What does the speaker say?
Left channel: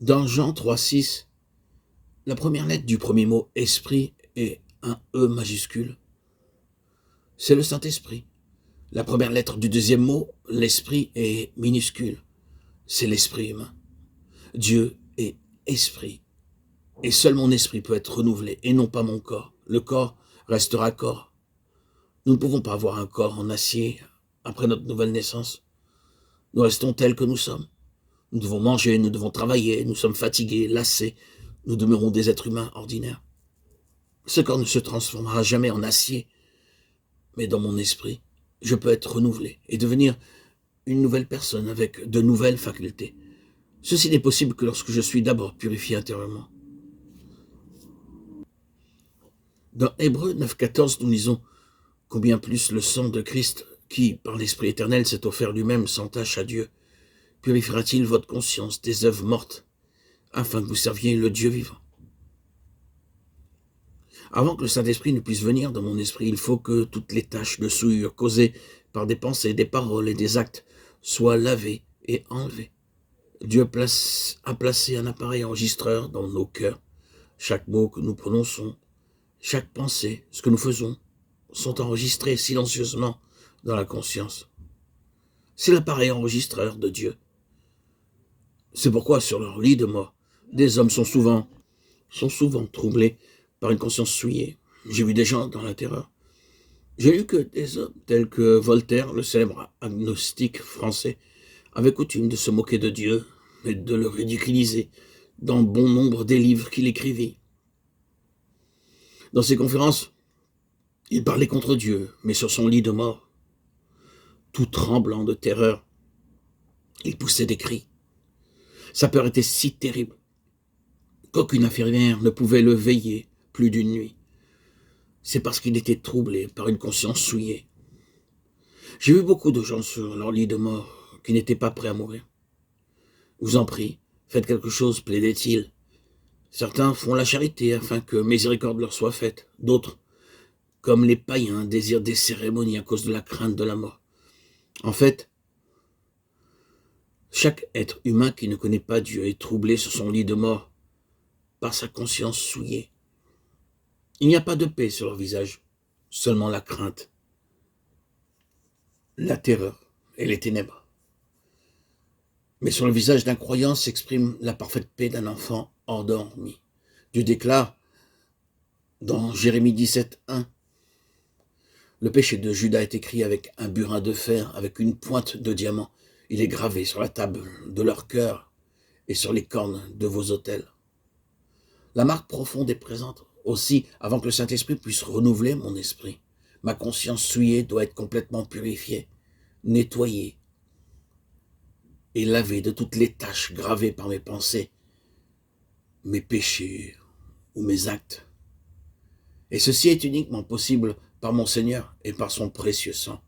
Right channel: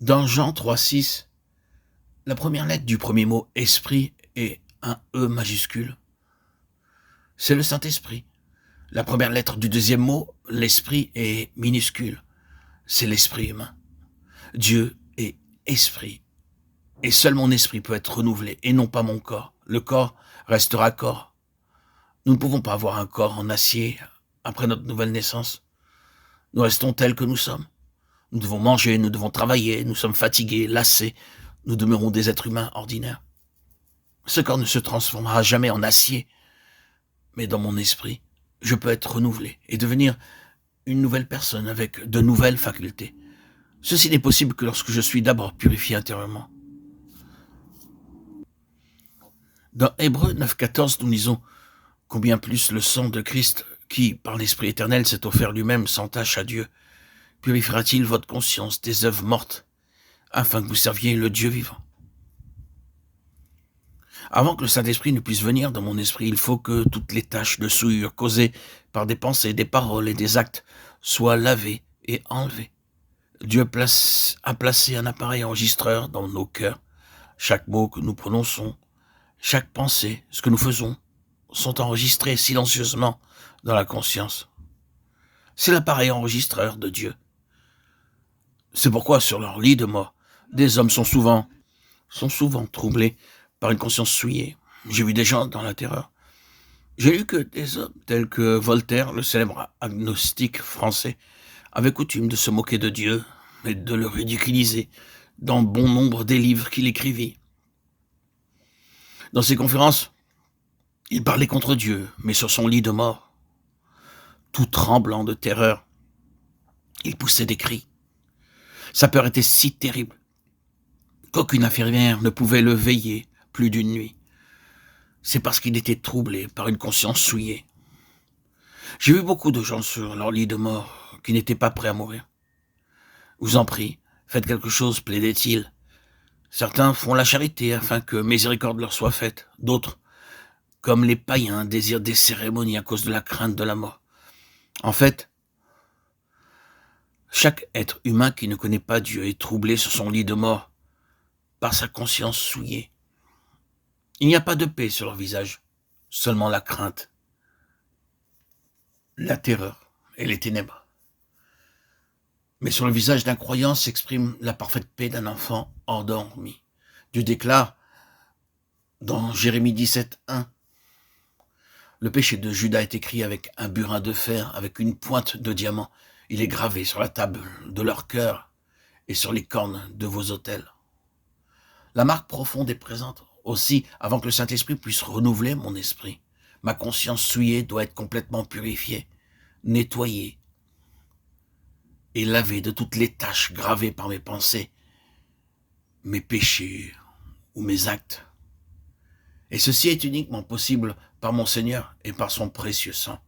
Dans Jean 3,6, la première lettre du premier mot « esprit » est un « E » majuscule. C'est le Saint-Esprit. La première lettre du deuxième mot, l'esprit, est minuscule. C'est l'esprit humain. Dieu est esprit. Et seul mon esprit peut être renouvelé, et non pas mon corps. Le corps restera corps. Nous ne pouvons pas avoir un corps en acier après notre nouvelle naissance. Nous restons tels que nous sommes. Nous devons manger, nous devons travailler, nous sommes fatigués, lassés. Nous demeurons des êtres humains ordinaires. Ce corps ne se transformera jamais en acier, mais dans mon esprit, je peux être renouvelé et devenir une nouvelle personne avec de nouvelles facultés. Ceci n'est possible que lorsque je suis d'abord purifié intérieurement. Dans Hébreux 9,14, nous lisons « Combien plus le sang de Christ, qui, par l'Esprit éternel, s'est offert lui-même sans tache à Dieu, purifiera-t-il votre conscience des œuvres mortes, afin que vous serviez le Dieu vivant ?» Avant que le Saint-Esprit ne puisse venir dans mon esprit, il faut que toutes les taches de souillure causées par des pensées, des paroles et des actes soient lavées et enlevées. Dieu a placé un appareil enregistreur dans nos cœurs. Chaque mot que nous prononçons, chaque pensée, ce que nous faisons, sont enregistrés silencieusement dans la conscience. C'est l'appareil enregistreur de Dieu. C'est pourquoi sur leur lit de mort, des hommes sont souvent troublés par une conscience souillée. J'ai vu des gens dans la terreur. J'ai lu que des hommes tels que Voltaire, le célèbre agnostique français, avaient coutume de se moquer de Dieu et de le ridiculiser dans bon nombre des livres qu'il écrivit. Dans ses conférences, il parlait contre Dieu, mais sur son lit de mort, tout tremblant de terreur, il poussait des cris. Sa peur était si terrible qu'aucune infirmière ne pouvait le veiller plus d'une nuit. C'est parce qu'il était troublé par une conscience souillée. J'ai vu beaucoup de gens sur leur lit de mort qui n'étaient pas prêts à mourir. « Vous en prie, faites quelque chose », plaidait-il. Certains font la charité afin que miséricorde leur soit faite. D'autres, comme les païens, désirent des cérémonies à cause de la crainte de la mort. En fait, chaque être humain qui ne connaît pas Dieu est troublé sur son lit de mort par sa conscience souillée. Il n'y a pas de paix sur leur visage, seulement la crainte, la terreur et les ténèbres. Mais sur le visage d'un croyant s'exprime la parfaite paix d'un enfant endormi. Dieu déclare dans Jérémie 17,1 « Le péché de Juda est écrit avec un burin de fer, avec une pointe de diamant. Il est gravé sur la table de leur cœur et sur les cornes de vos autels. » La marque profonde est présente. Aussi, avant que le Saint-Esprit puisse renouveler mon esprit, ma conscience souillée doit être complètement purifiée, nettoyée et lavée de toutes les taches gravées par mes pensées, mes péchés ou mes actes. Et ceci est uniquement possible par mon Seigneur et par son précieux sang.